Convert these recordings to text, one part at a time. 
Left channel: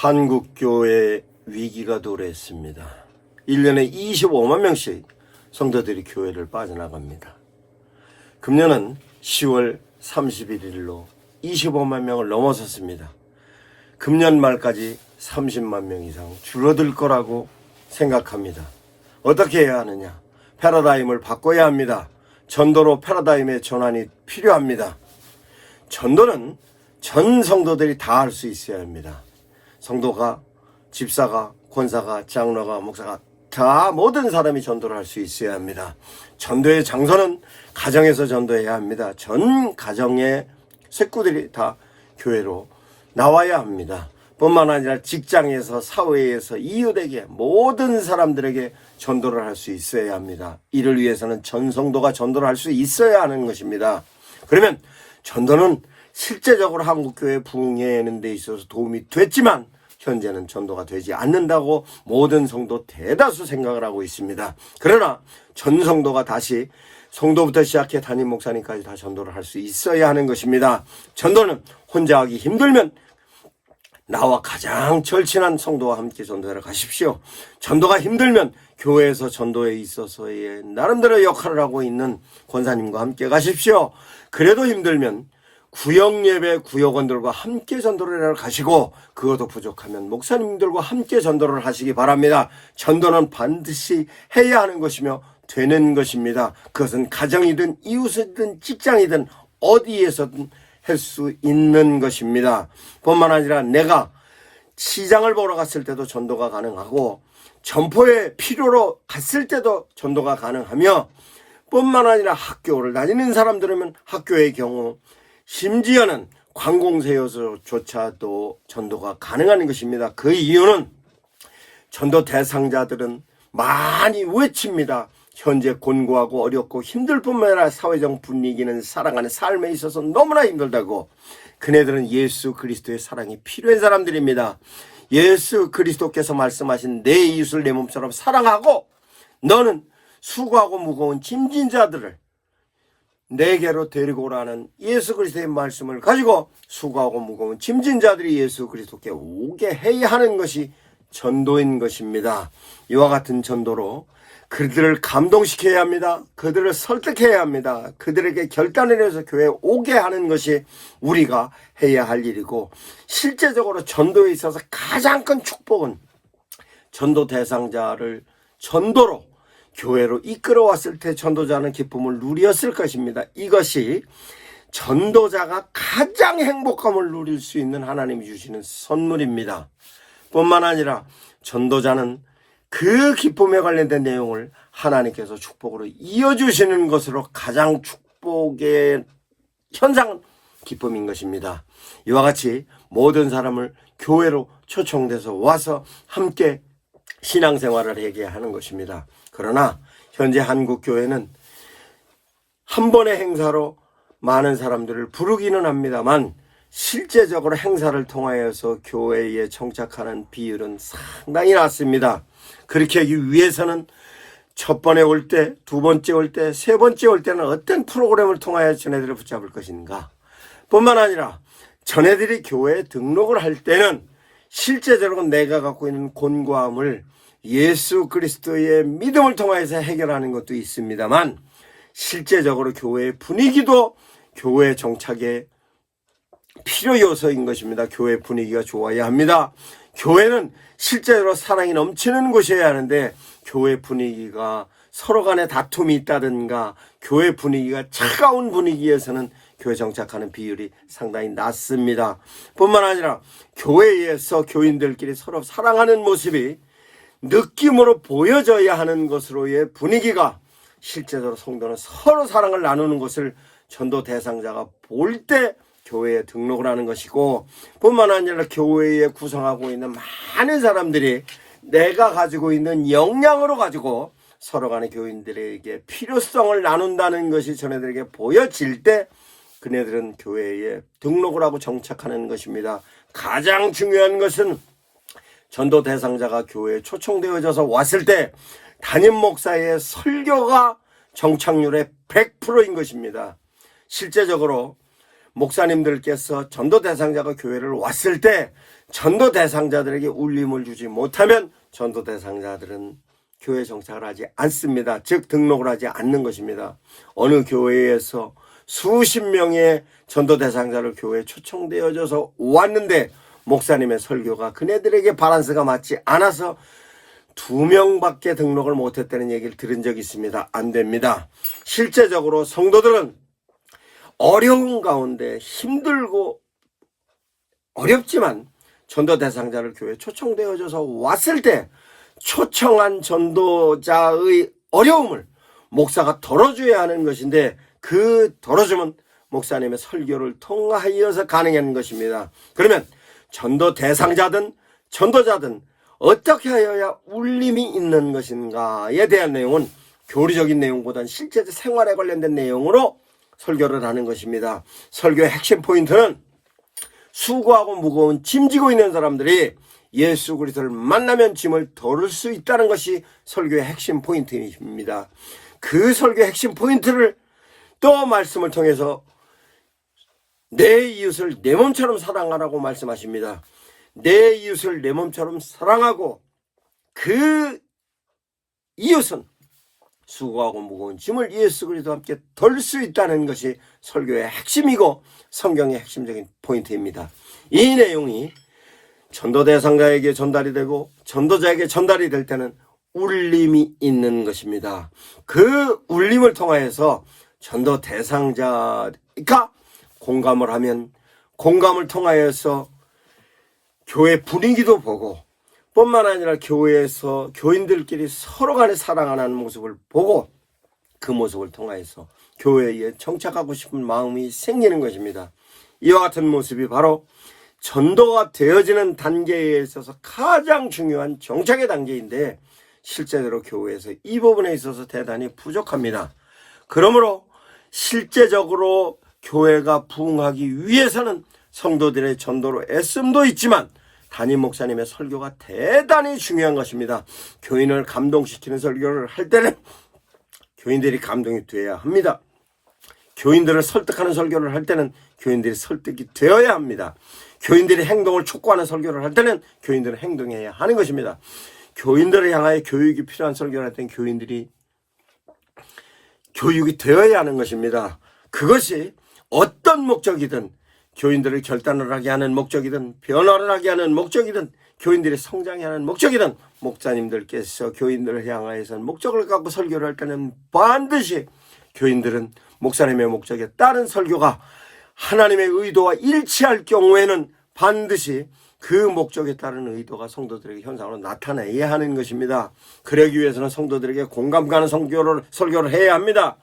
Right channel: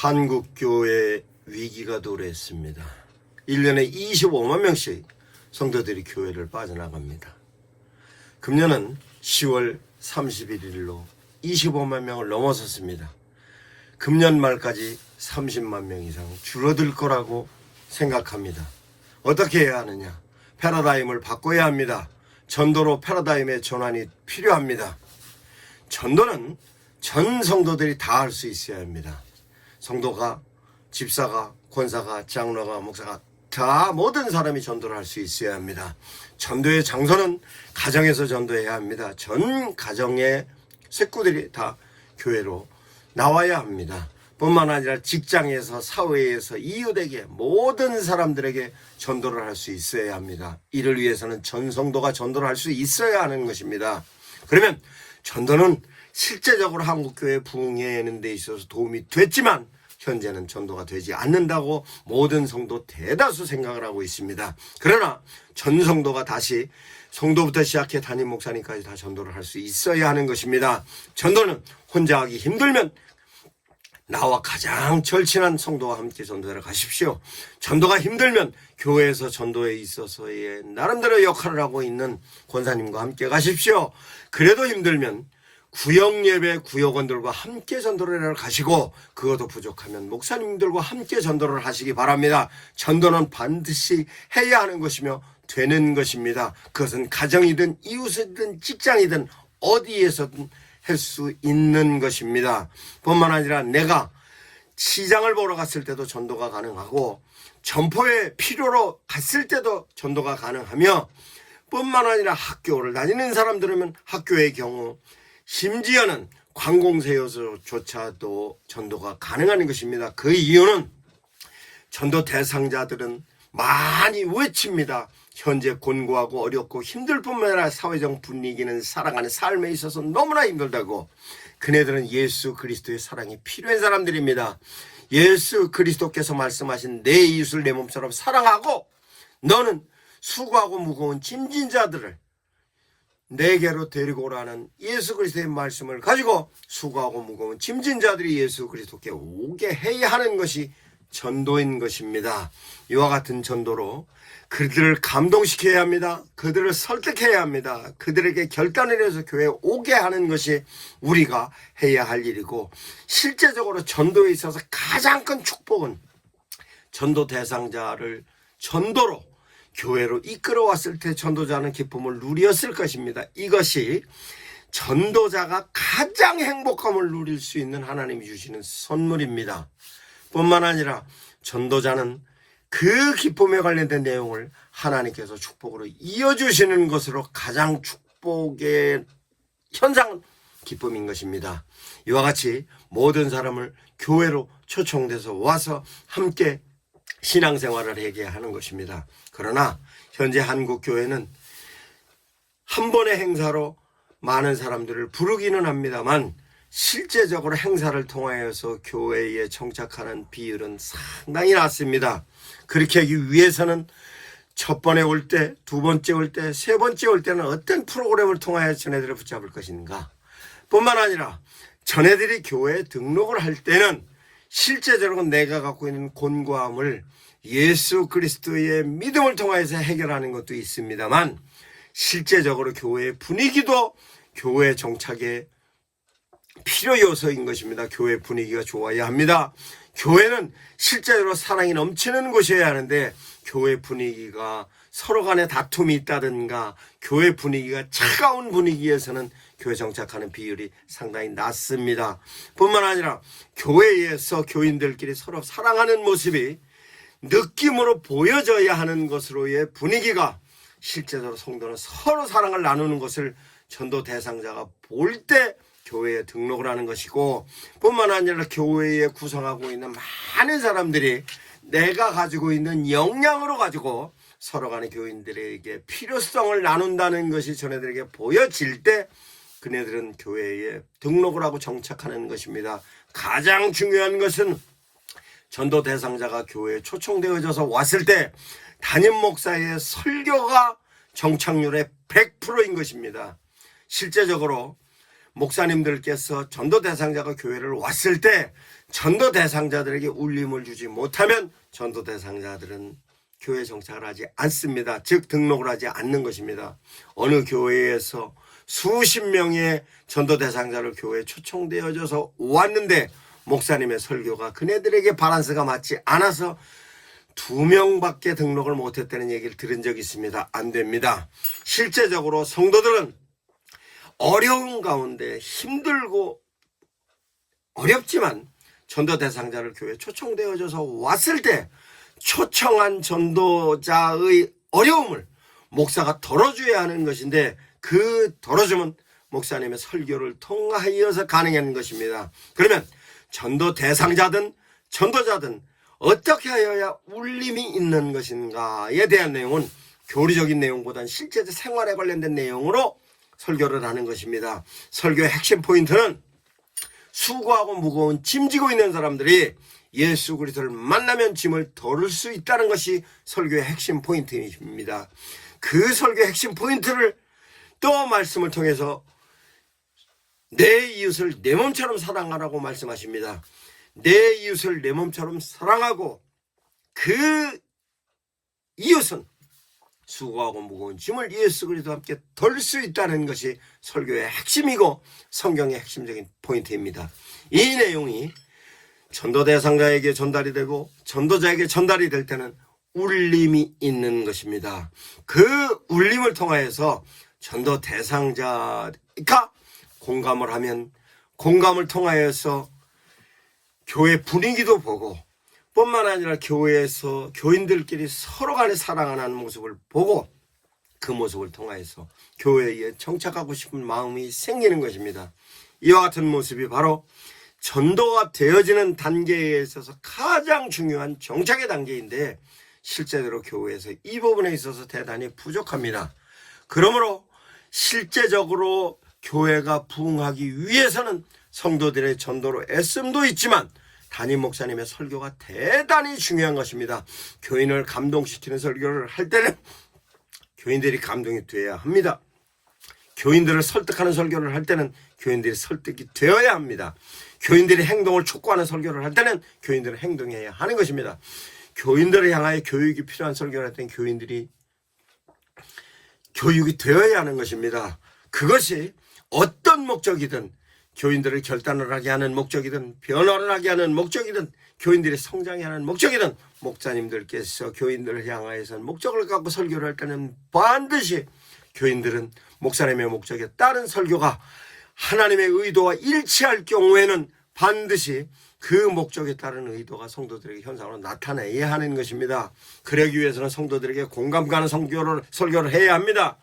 한국교회 위기가 도래했습니다. 1년에 25만 명씩 성도들이 교회를 빠져나갑니다. 금년은 10월 31일로 25만 명을 넘어섰습니다. 금년 말까지 30만 명 이상 줄어들 거라고 생각합니다. 어떻게 해야 하느냐? 패러다임을 바꿔야 합니다. 전도로 패러다임의 전환이 필요합니다. 전도는 전 성도들이 다 할 수 있어야 합니다. 성도가, 집사가, 권사가, 장로가, 목사가 다 모든 사람이 전도를 할 수 있어야 합니다. 전도의 장소는 가정에서 전도해야 합니다. 전 가정의 식구들이 다 교회로 나와야 합니다. 뿐만 아니라 직장에서, 사회에서, 이웃에게, 모든 사람들에게 전도를 할 수 있어야 합니다. 이를 위해서는 전 성도가 전도를 할 수 있어야 하는 것입니다. 그러면 전도는 실제적으로 한국교회 부흥하는 데 있어서 도움이 됐지만 현재는 전도가 되지 않는다고 모든 성도 대다수 생각을 하고 있습니다. 그러나 전 성도가 다시 성도부터 시작해 담임 목사님까지 다 전도를 할 수 있어야 하는 것입니다. 전도는 혼자 하기 힘들면 나와 가장 절친한 성도와 함께 전도하러 가십시오. 전도가 힘들면 교회에서 전도에 있어서의 나름대로 역할을 하고 있는 권사님과 함께 가십시오. 그래도 힘들면 구역예배 구역원들과 함께 전도를 하러 가시고, 그것도 부족하면 목사님들과 함께 전도를 하시기 바랍니다. 전도는 반드시 해야 하는 것이며 되는 것입니다. 그것은 가정이든 이웃이든 직장이든 어디에서든 할 수 있는 것입니다. 뿐만 아니라 내가 시장을 보러 갔을 때도 전도가 가능하고, 점포에 필요로 갔을 때도 전도가 가능하며, 뿐만 아니라 학교를 다니는 사람들은 학교의 경우, 심지어는 관공서에서조차도 전도가 가능한 것입니다. 그 이유는 전도 대상자들은 많이 외칩니다. 현재 곤고하고 어렵고 힘들 뿐만 아니라 사회적 분위기는 살아가는 삶에 있어서 너무나 힘들다고. 그네들은 예수 그리스도의 사랑이 필요한 사람들입니다. 예수 그리스도께서 말씀하신 내 이웃을 내 몸처럼 사랑하고, 너는 수고하고 무거운 짐진 자들을 내게로 데리고 오라는 예수 그리스도의 말씀을 가지고 수고하고 무거운 짐진 자들이 예수 그리스도께 오게 해야 하는 것이 전도인 것입니다. 이와 같은 전도로 그들을 감동시켜야 합니다. 그들을 설득해야 합니다. 그들에게 결단을 내려서 교회에 오게 하는 것이 우리가 해야 할 일이고, 실제적으로 전도에 있어서 가장 큰 축복은 전도 대상자를 전도로 교회로 이끌어왔을 때 전도자는 기쁨을 누렸을 것입니다. 이것이 전도자가 가장 행복감을 누릴 수 있는 하나님이 주시는 선물입니다. 뿐만 아니라 전도자는 그 기쁨에 관련된 내용을 하나님께서 축복으로 이어주시는 것으로 가장 축복의 현상은 기쁨인 것입니다. 이와 같이 모든 사람을 교회로 초청돼서 와서 함께 신앙생활을 하게 하는 것입니다. 그러나 현재 한국교회는 한 번의 행사로 많은 사람들을 부르기는 합니다만, 실제적으로 행사를 통하여서 교회에 정착하는 비율은 상당히 낮습니다. 그렇게 하기 위해서는 첫 번에 올 때, 두 번째 올 때, 세 번째 올 때는 어떤 프로그램을 통하여 전애들을 붙잡을 것인가, 뿐만 아니라 전애들이 교회에 등록을 할 때는 실제적으로 내가 갖고 있는 곤고함을 예수 그리스도의 믿음을 통해서 해결하는 것도 있습니다만, 실제적으로 교회의 분위기도 교회 정착의 필요 요소인 것입니다. 교회 분위기가 좋아야 합니다. 교회는 실제로 사랑이 넘치는 곳이어야 하는데, 교회 분위기가 서로 간에 다툼이 있다든가 교회 분위기가 차가운 분위기에서는 교회 정착하는 비율이 상당히 낮습니다. 뿐만 아니라 교회에서 교인들끼리 서로 사랑하는 모습이 느낌으로 보여져야 하는 것으로의 분위기가, 실제적으로 성도는 서로 사랑을 나누는 것을 전도 대상자가 볼 때 교회에 등록을 하는 것이고, 뿐만 아니라 교회에 구성하고 있는 많은 사람들이 내가 가지고 있는 역량으로 가지고 서로 간의 교인들에게 필요성을 나눈다는 것이 전애들에게 보여질 때 그네들은 교회에 등록을 하고 정착하는 것입니다. 가장 중요한 것은 전도 대상자가 교회에 초청되어져서 왔을 때 담임 목사의 설교가 정착률의 100%인 것입니다. 실제적으로 목사님들께서 전도 대상자가 교회를 왔을 때 전도 대상자들에게 울림을 주지 못하면 전도 대상자들은 교회 정착을 하지 않습니다. 즉 등록을 하지 않는 것입니다. 어느 교회에서 수십 명의 전도 대상자를 교회에 초청되어져서 왔는데 목사님의 설교가 그네들에게 바란스가 맞지 않아서 2명밖에 등록을 못했다는 얘기를 들은 적이 있습니다. 안 됩니다. 실제적으로 성도들은 어려운 가운데 힘들고 어렵지만 전도 대상자를 교회에 초청되어져서 왔을 때 초청한 전도자의 어려움을 목사가 덜어줘야 하는 것인데 그 덜어주면 목사님의 설교를 통하여서 가능한 것입니다. 그러면 전도 대상자든 전도자든 어떻게 하여야 울림이 있는 것인가에 대한 내용은 교리적인 내용보다는 실제적 생활에 관련된 내용으로 설교를 하는 것입니다. 설교의 핵심 포인트는 수고하고 무거운 짐 지고 있는 사람들이 예수 그리스도를 만나면 짐을 덜을 수 있다는 것이 설교의 핵심 포인트입니다. 그 설교의 핵심 포인트를 또 말씀을 통해서 내 이웃을 내 몸처럼 사랑하라고 말씀하십니다. 내 이웃을 내 몸처럼 사랑하고 그 이웃은 수고하고 무거운 짐을 예수 그리스도와 함께 덜 수 있다는 것이 설교의 핵심이고 성경의 핵심적인 포인트입니다. 이 내용이 전도 대상자에게 전달이 되고 전도자에게 전달이 될 때는 울림이 있는 것입니다. 그 울림을 통하여서 전도 대상자가 공감을 하면 공감을 통하여서 교회 분위기도 보고 뿐만 아니라 교회에서 교인들끼리 서로 간에 사랑하는 모습을 보고 그 모습을 통하여서 교회에 정착하고 싶은 마음이 생기는 것입니다. 이와 같은 모습이 바로 전도가 되어지는 단계에 있어서 가장 중요한 정착의 단계인데 실제로 교회에서 이 부분에 있어서 대단히 부족합니다. 그러므로 실제적으로 교회가 부흥하기 위해서는 성도들의 전도로 애씀도 있지만 담임 목사님의 설교가 대단히 중요한 것입니다. 교인을 감동시키는 설교를 할 때는 교인들이 감동이 되어야 합니다. 교인들을 설득하는 설교를 할 때는 교인들이 설득이 되어야 합니다. 교인들의 행동을 촉구하는 설교를 할 때는 교인들은 행동해야 하는 것입니다. 교인들을 향하여 교육이 필요한 설교를 할 때는 교인들이 교육이 되어야 하는 것입니다. 그것이 어떤 목적이든 교인들을 결단을 하게 하는 목적이든 변화를 하게 하는 목적이든 교인들이 성장해 하는 목적이든 목사님들께서 교인들을 향하여서 목적을 갖고 설교를 할 때는 반드시 교인들은 목사님의 목적에 따른 설교가 하나님의 의도와 일치할 경우에는 반드시 그 목적에 따른 의도가 성도들에게 현상으로 나타내야 하는 것입니다. 그러기 위해서는 성도들에게 공감 가는 설교를 해야 합니다.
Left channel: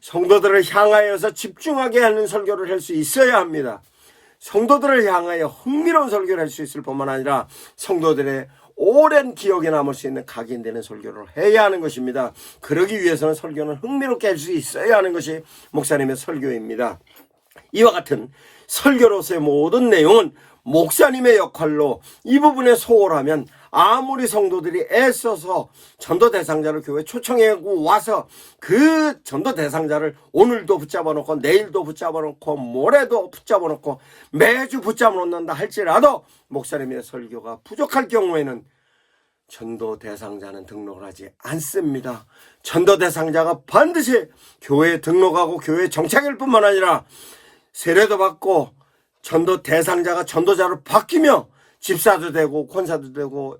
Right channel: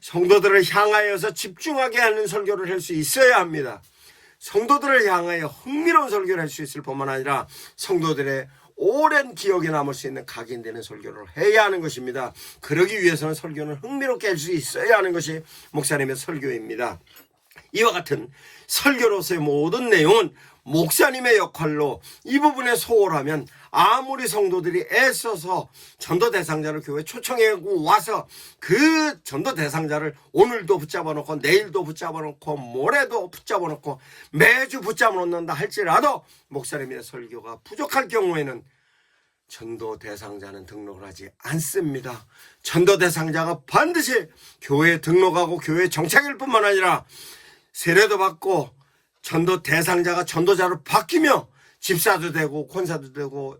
성도들을 향하여서 집중하게 하는 설교를 할 수 있어야 합니다. 성도들을 향하여 흥미로운 설교를 할 수 있을 뿐만 아니라 성도들의 오랜 기억에 남을 수 있는 각인되는 설교를 해야 하는 것입니다. 그러기 위해서는 설교는 흥미롭게 할 수 있어야 하는 것이 목사님의 설교입니다. 이와 같은 설교로서의 모든 내용은 목사님의 역할로 이 부분에 소홀하면 아무리 성도들이 애써서 전도 대상자를 교회에 초청해 와서 그 전도 대상자를 오늘도 붙잡아 놓고 내일도 붙잡아 놓고 모레도 붙잡아 놓고 매주 붙잡아 놓는다 할지라도 목사님의 설교가 부족할 경우에는 전도 대상자는 등록을 하지 않습니다. 전도 대상자가 반드시 교회에 등록하고 교회에 정착일 뿐만 아니라 세례도 받고 전도 대상자가 전도자로 바뀌며 집사도 되고 권사도 되고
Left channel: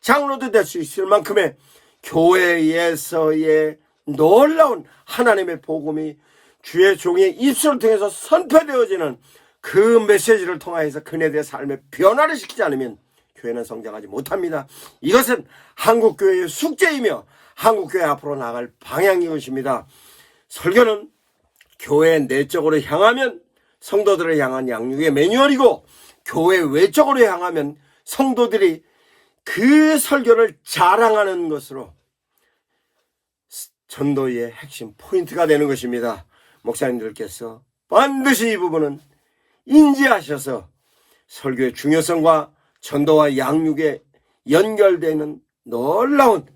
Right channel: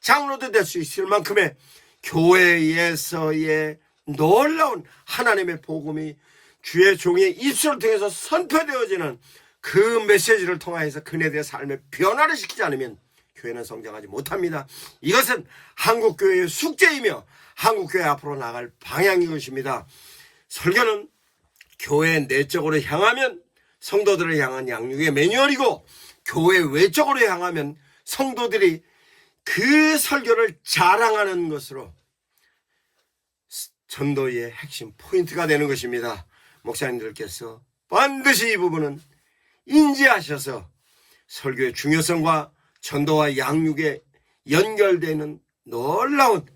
장로도 될 수 있을 만큼의 교회에서의 놀라운 하나님의 복음이 주의 종의 입술을 통해서 선포되어지는 그 메시지를 통하여서 그네들의 삶에 변화를 시키지 않으면 교회는 성장하지 못합니다. 이것은 한국교회의 숙제이며 한국교회 앞으로 나갈 방향인 것입니다. 설교는 교회 내적으로 향하면 성도들을 향한 양육의 매뉴얼이고 교회 외적으로 향하면 성도들이 그 설교를 자랑하는 것으로 전도의 핵심 포인트가 되는 것입니다. 목사님들께서 반드시 이 부분은 인지하셔서 설교의 중요성과 전도와 양육에 연결되는 놀라운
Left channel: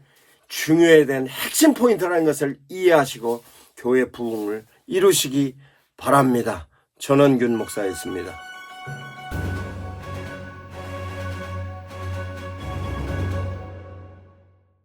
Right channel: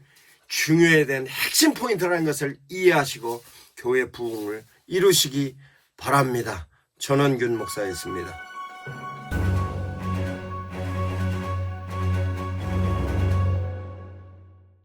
중요에 대한 핵심 포인트라는 것을 이해하시고 교회 부흥을 이루시기 바랍니다. 전원균 목사였습니다.